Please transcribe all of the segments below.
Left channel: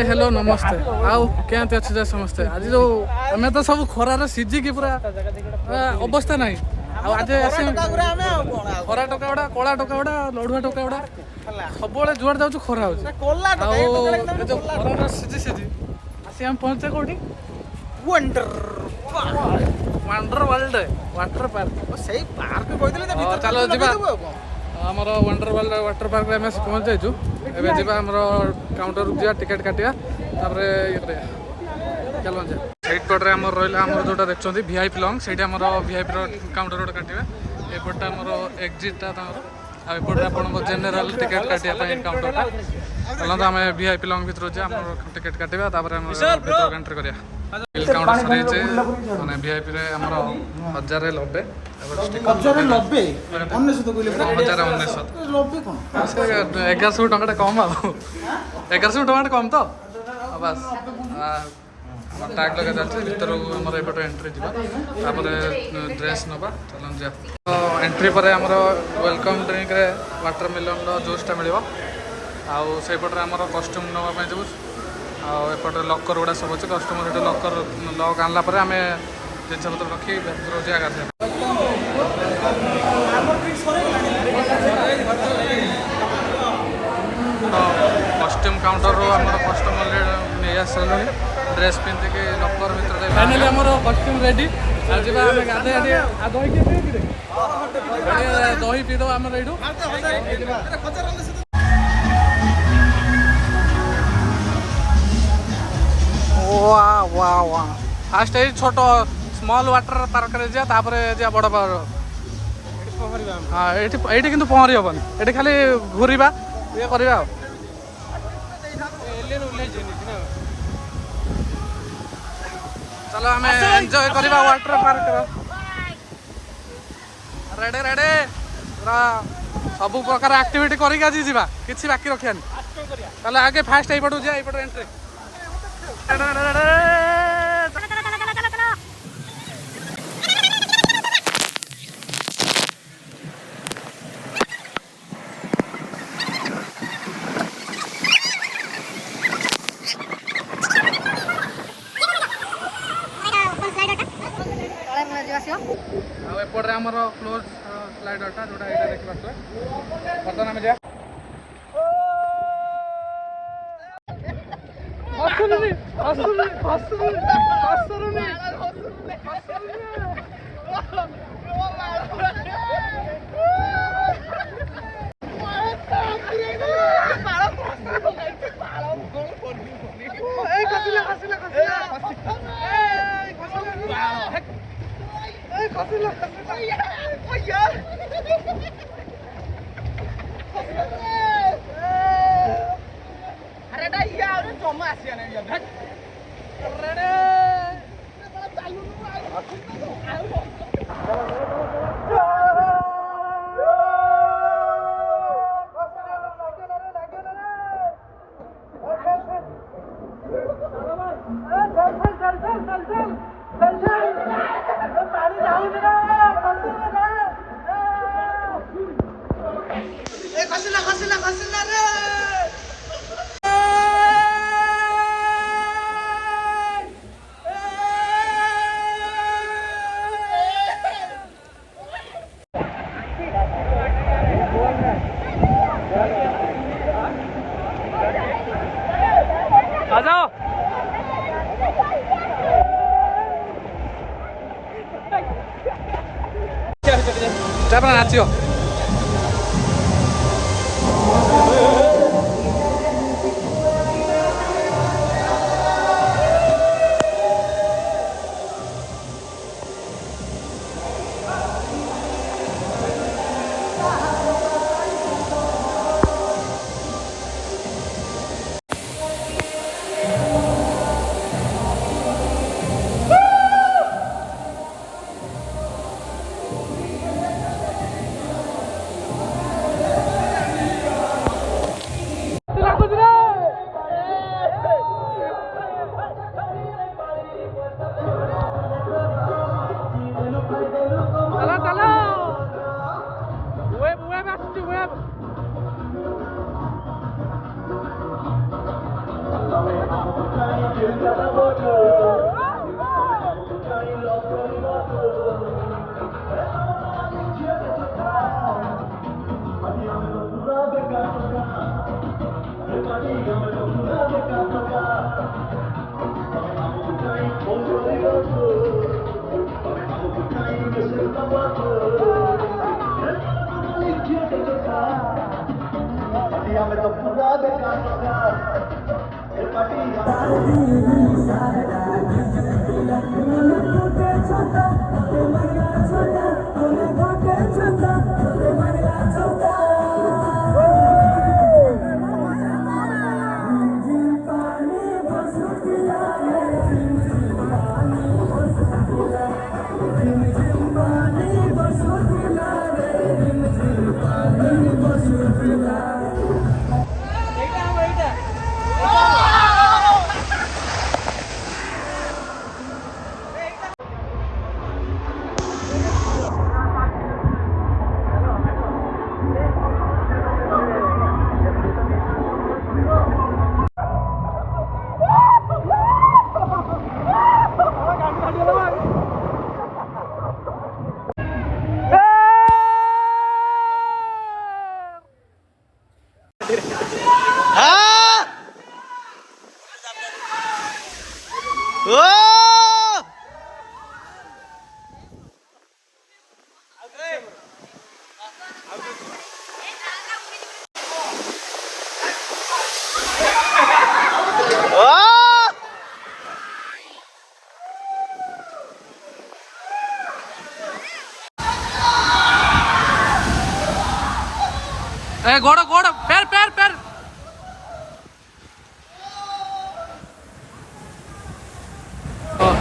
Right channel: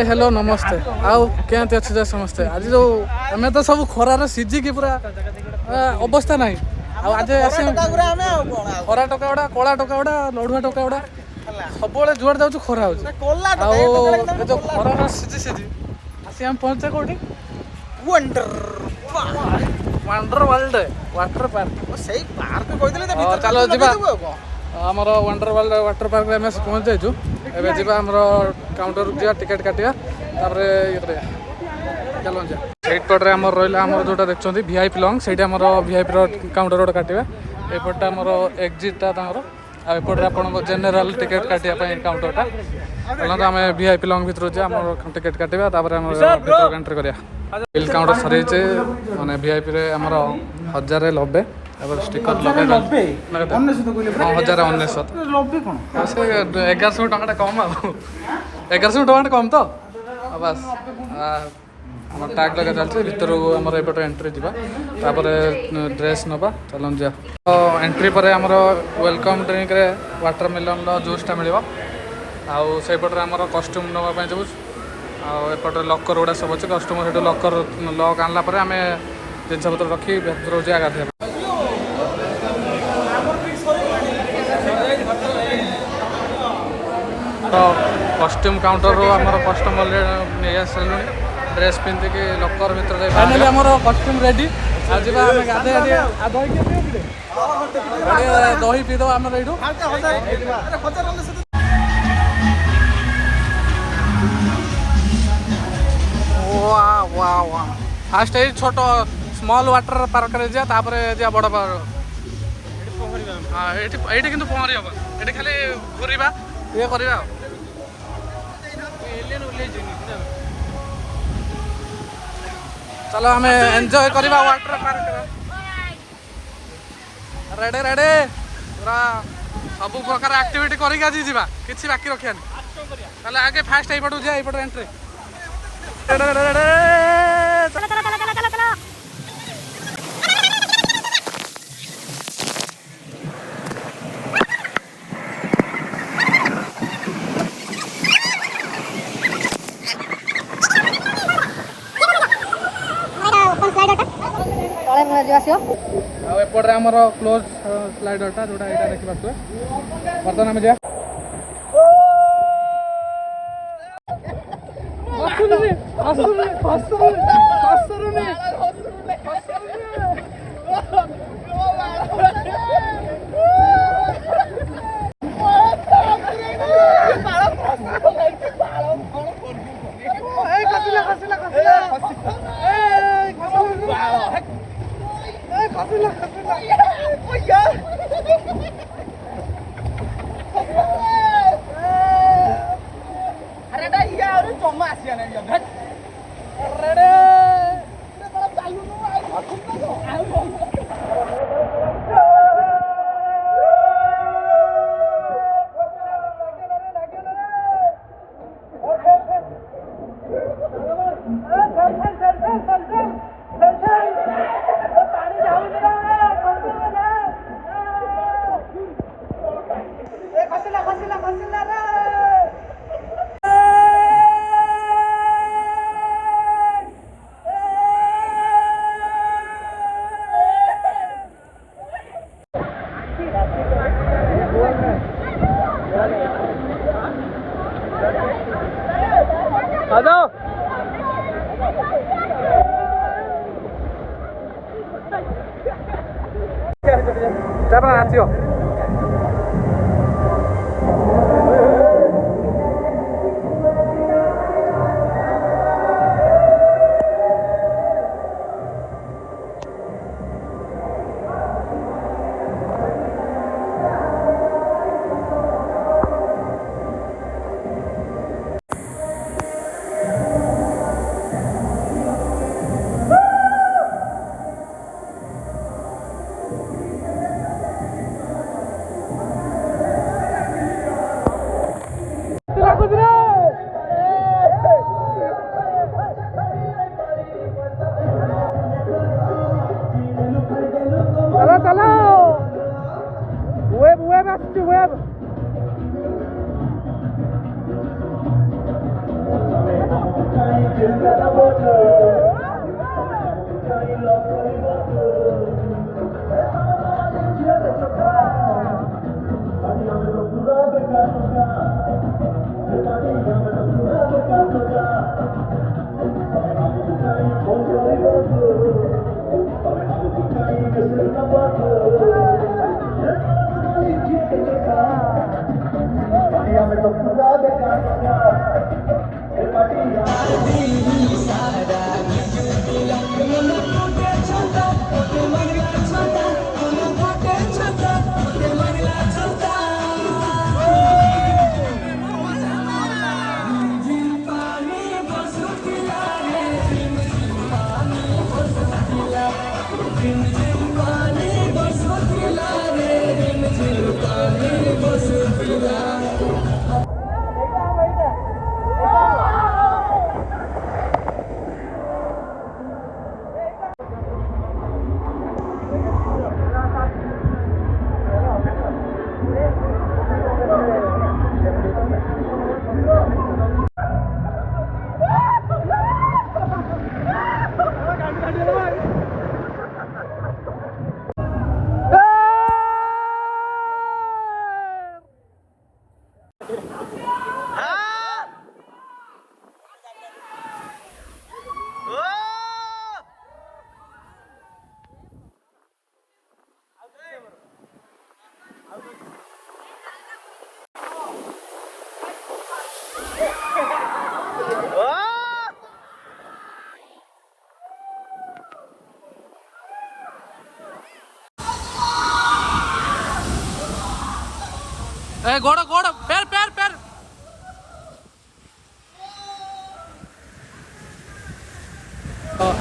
Hello नमस्ते आउ क्या अच्छे जा समस्ते आज जो आम तो सब खरार सीझिकी पूरा अवस्था ना आज खरा टका गुड़ा कला टका गुड़ा लड़ुआ टका गुड़ा सब जुआड़ जाऊँ खरा हो खरा सीझी सीझी आसी आम पहुंचे कौटी वंडर वर्ल्ड वाटर पार्क सेई पार्क कहते चलो जीवा आमर वंडर वर्ल्ड वाटर पार्क में आम पहुंच जाइछु एबे जीवा आमर काउंटर जा टिकेट काटिया तापर ये करिया चलो जा सेट पटरे आमर रहिला आमर जोटा देखछन्ती वीआईपी लॉन्ग सेटा आमर वीआईपी रो काउंटर रोड काटिबा एपटा आमर एग्जिट ता तांगर आ एपटरे आपन जनरल टिकेट काटिया पई काउंटरटा चलो तो आम वीआईपी लॉन्ग भीतर जे आमर टिकेट काटिबा तापर आमर भीतर एंट्री करिया बिल काउंटर सरी जे माने वीआईपी रे आमर 1090 एबर स्टिकर लगे 1100 टका कम आ 1100 टका कम तो बस आम टैग लगा चलছে ভিতর আমার এপট এন্ট্রি দিবা তারপরে ড্রেস নবা চলন যা তো এন্ট্রি পরে আমার ওয়েলকম ড্রিঙ্ক রে ওয়াটারমেলন লো জুসটা মিলিব আউ সেইপটরে আমার কস্ট্यूम নবা পাই দেবু আউ এপটরে লকর গুড়া সব আছে কস্ট্यूम সেটা লকর লক আনলা পরে আমি জিনিস পত্র রখি ভিতর যা গাধে तो कस्ट्यूम काउंटर रो आमर कस्टमर नहीं आसलु ड्रेस पिंधिकी लकर भीतर फाइनली आमर कस्ट्यूम रेडी आज जीवा आम गाधे आ दही के पियो कि दही पी दो आमर एठू वाह वाह वाह फास्ट ए छोट स्मॉल वाटर पार्क रे जा तापर जा बड़ पार्क हाँ ये किंतु पहरी हेनी ये खाली घूरवा ये करवा चलो आम एंजॉय करवा वाटर पार्क रेडे रेडे पूरा सब प्रकार एक्टिविटी करके आज जावा किसी बाकी रखानी चलो आगे फास्ट यही पटू जाए यपट एंट्री एपटे आमर क्लोज स्लाइडरटा जोटा यहाँ देखिए बर्तमान आम जा नाचियो web. ए गोड़ गोड़ पैर पैर पैर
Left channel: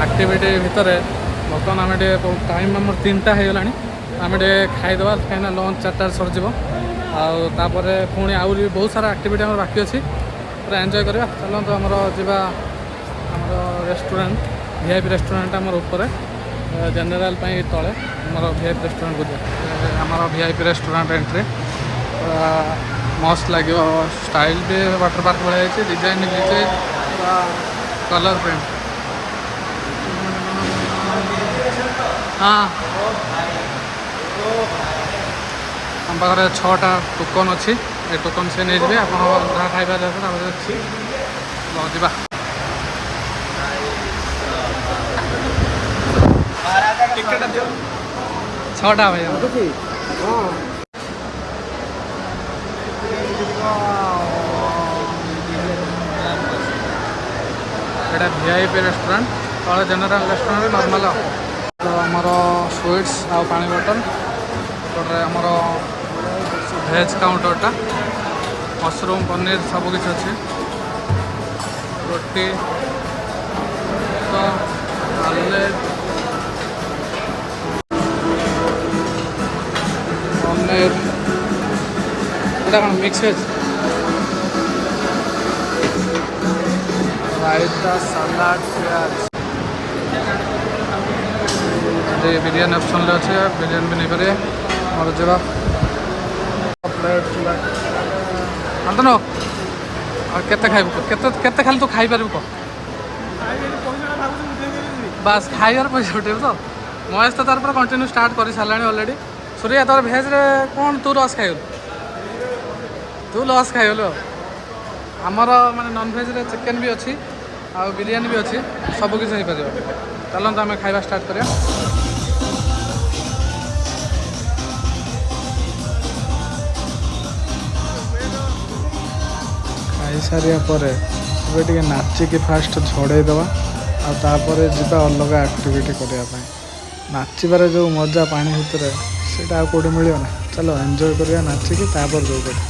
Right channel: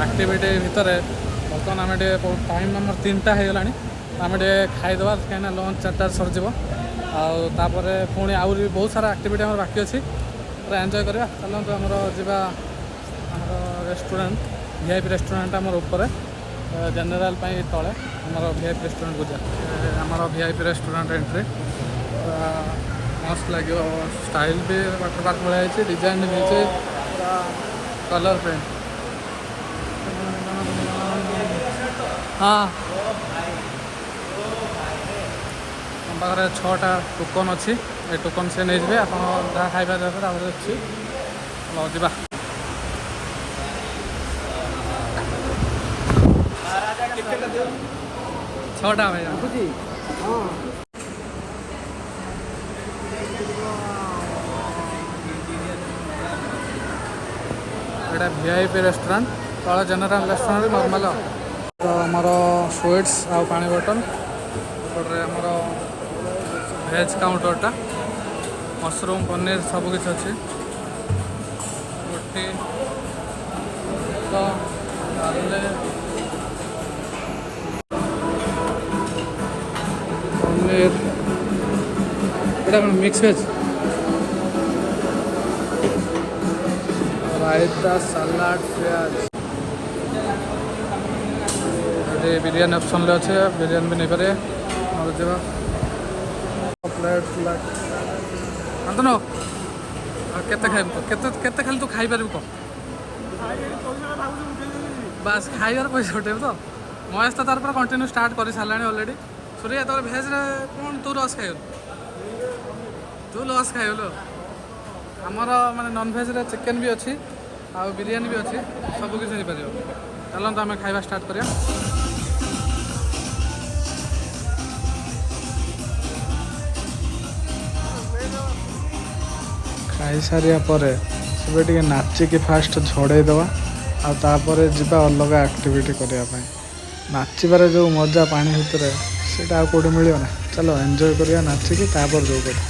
एक्टिविटी भितर बर्तमान आम टाइम आम 3टा हो गलानी आम खाईदे कहीं लंच 4टार सरज आउे पुणी आहरी बहुत सारा एक्टिविटी आम बाकी अच्छी पूरा एंजॉय करवा चलते आमर जा आमर रेस्टोरेंट वीआईपी रेस्टोरेंट आमर ऊपर जनरल तले आमर वीआईपी रेस्टोरेंट को जा आमर वीआईपी रेस्टोरेंट एंट्री पूरा मस्त लगे स्टाइल भी वाटर पार्क भाई डिजाइन भी पूरा कलर प्रिंट हाँ आम पाखे 6टा टोकन अच्छी ए टोकन से नहीं आप जहाँ खाइबा अच्छी जा 6टा भाई एटा वीआईपी रेस्टोरेंट तले जनरल रेस्टोरेंट नॉर्मल तो आमर स्वीट्स आ पानी बोतल एपटे आमर भेज काउंटरटा मशरूम पनीर सबकि अच्छी रोटी तो डाले पनीर एटा कौन मिक्स वेज रायता सलाड प्याज बिरयानी ऑप्शन ले अच्छे बिरयानी भी नहीं पारे और जरा प्लेट आंत न केते खाइब केते खाली तू खाई पार कह बास खाइबार पैसा उठेब तो महेश तो तार कंटिन्यू स्टार्ट कर सारा अलरेडी सूर्या तोर भेज रे कौन तू लस खाइगलु तू लस खाइगलु आमर माने नॉन भेज रे चिकेन भी अच्छी आ बिरयानी भी अच्छी सब किसी हो पार चलते आम खाइबा स्टार्ट करिया खाई सारिया परे ଏବେ ଟିକେ ନାଚିକି ଫାଷ୍ଟ ଝଡ଼େଇ ଦେବା ଆଉ ତାପରେ ଯିବା ଅଲଗା ଆକ୍ଟିଭିଟି କରିବା ପାଇଁ ନାଚିବାରେ ଯେଉଁ ମଜା ପାଣି ଭିତରେ ସେଇଟା ଆଉ କେଉଁଠି ମିଳିବ ନା ଚାଲ ଏନ୍ଜୟ କରିବା ନାଚିକି ତାପରେ ଯେଉଁ କଥା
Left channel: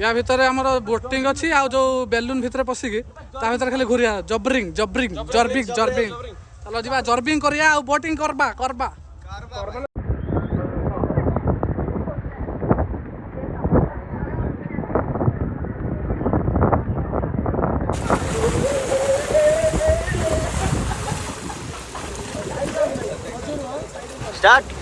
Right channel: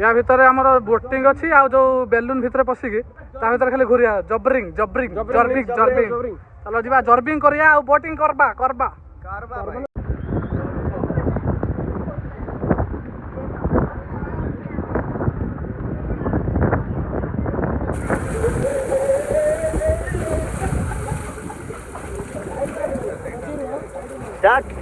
या भितर आमर बोटिंग अच्छी आ जो बेलून भितर पशिकी ता भितर खाली घुरिया जबरिंग जबरिंग जर्बिंग जर्बिंग चलो जीवा जर्बिंग करिया आ बोटिंग करबा करबा start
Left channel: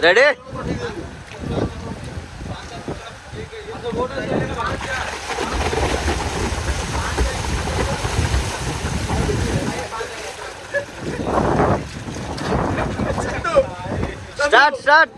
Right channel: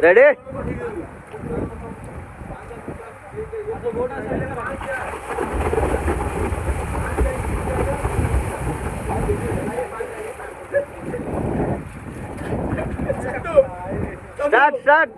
ready start start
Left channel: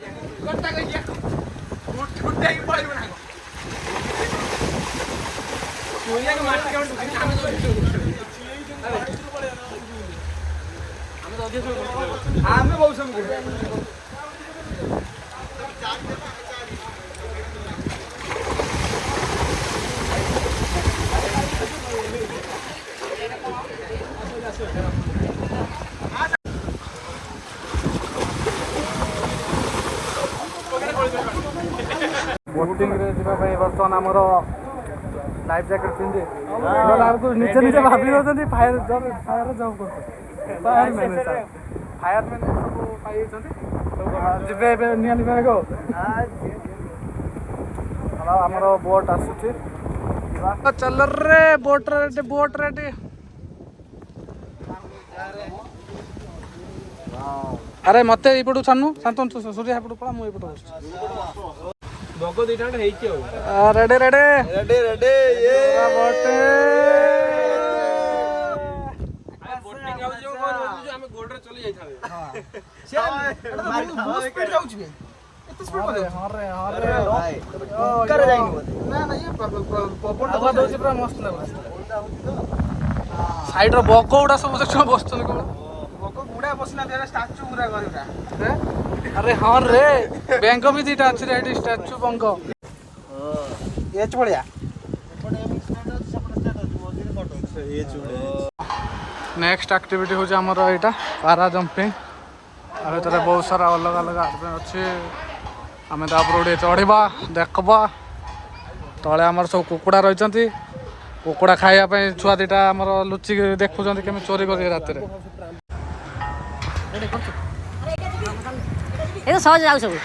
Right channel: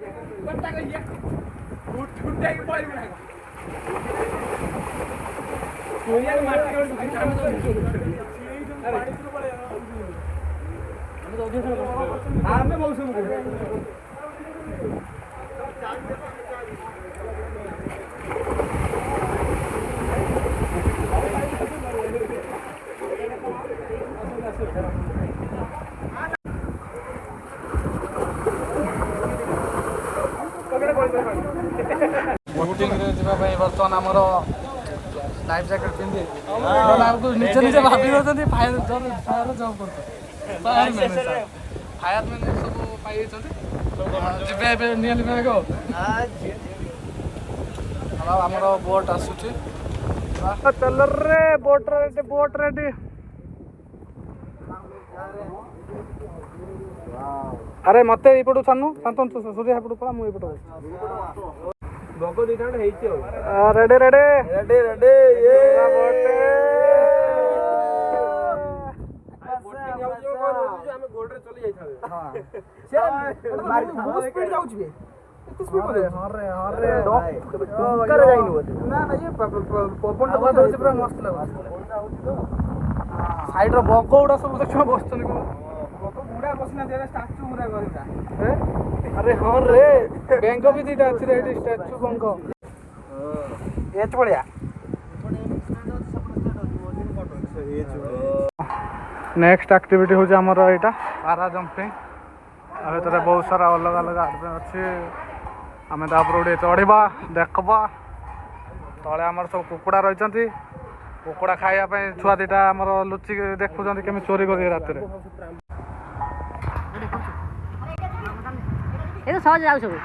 boating रे जीवा भाई बर्तमान आमर लाइफ जैकेट पिंधे निजे निजे भाभी दौरान फायर फायर जब कर फायर मैन सब पाई जीवे नियाली बैग हलो आमर बोट आसुची चल रे बोट रेडी बोट रेडी अरे मत यपटू छाणु शांतन सूर्य एपटू पड़ा मुझे बग दुईटा ready ready ready ready side bug गुड़ा सब बस अरे हाँ रे बैंक भी दीटा अच्छी रेडी स्टैचू बंक ये बढ़िया नेक्स्ट एक्टिविटी हूँ आमर यहाँ पारा जंपिंग आ भर बहुत सारा अलग अलग आडभें अच्छे आम तापर चढ़ा देखा तले आमर सब कुकुड़ा रही कुकुड़ा खायापी छुआ दीटा आमर लुचिक देखुं केमी चोरी कर राति ये तो सहज जाऊ सब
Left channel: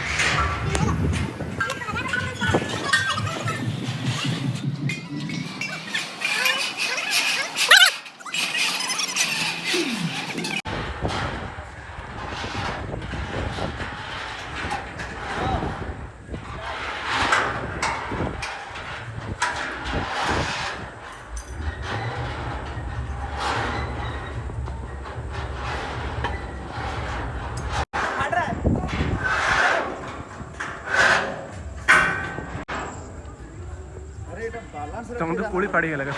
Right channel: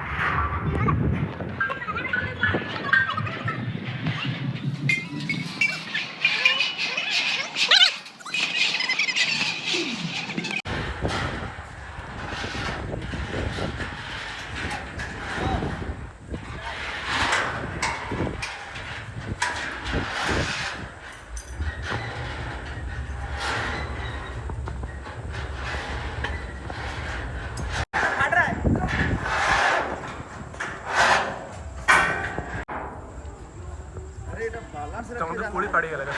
पूरी काढ़ी लगा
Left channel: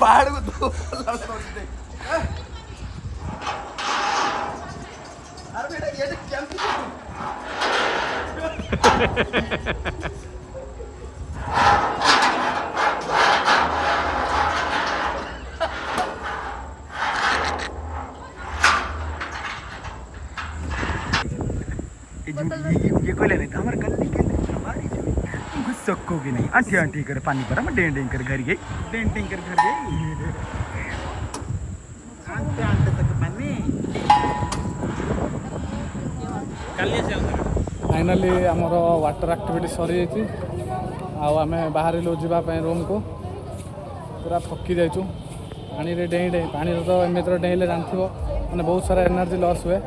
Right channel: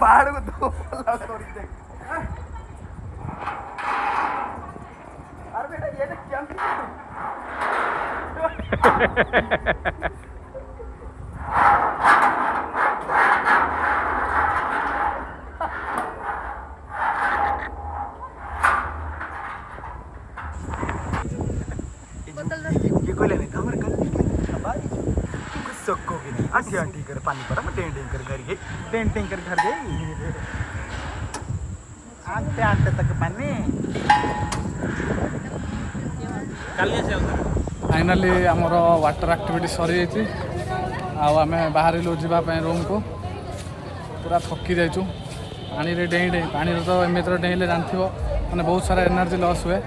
पहाड़ को दो ये कोई ले कमर कर सकको भी नहीं आंटी आंटी कर पानी पर मैं डेंटिंग कर घर गई डेंटिंग कर घर गई आंटे आंटे तक पानी फाइनाली आमर वाटर एक्टिविटी सरी जाइए आम बाहर जावाई रूम को पूरा थकी जाइचु पानी रे डेई डेई पानी तो एमती डेले जानथ मैंने बहुत सारा एनर्जी लॉस हुए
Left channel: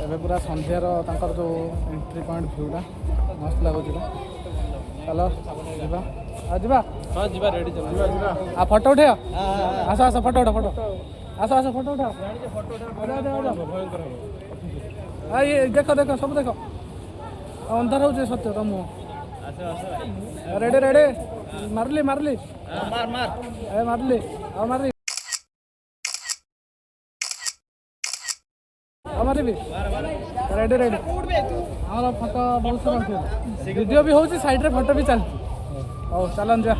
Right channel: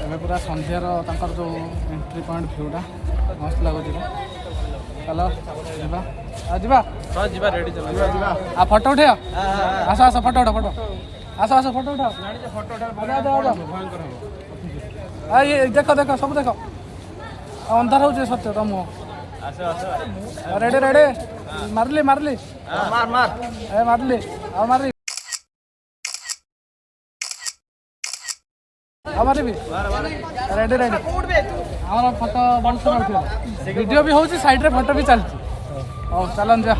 एवं पूरा संध्यार तांकर जो एंट्री पॉइंट भ्यूटा मस्त लगुच चलो जीवा जीवा रेडी चलो आ फोटो उठे आस आस फोटो उठा फोटो आस आस फोटो उठा भयंकर हम ये देख देख सब देख अंधार हो सत्य तुम रेडी रेडी मारली मारली मार मार ए मारली आ मारली हमारे भी रेडी रेडी ଆମର ଫଟୋ ବହୁତ ସାରା ଉଠିଗଲା ଭିଡ଼ିଓ ବି ହେଉଛି ସାଇଡ଼୍ରେ ଫଟୋ ବି ଚାଲିଛି ହଉ ଚାଲନ୍ତୁ ଯା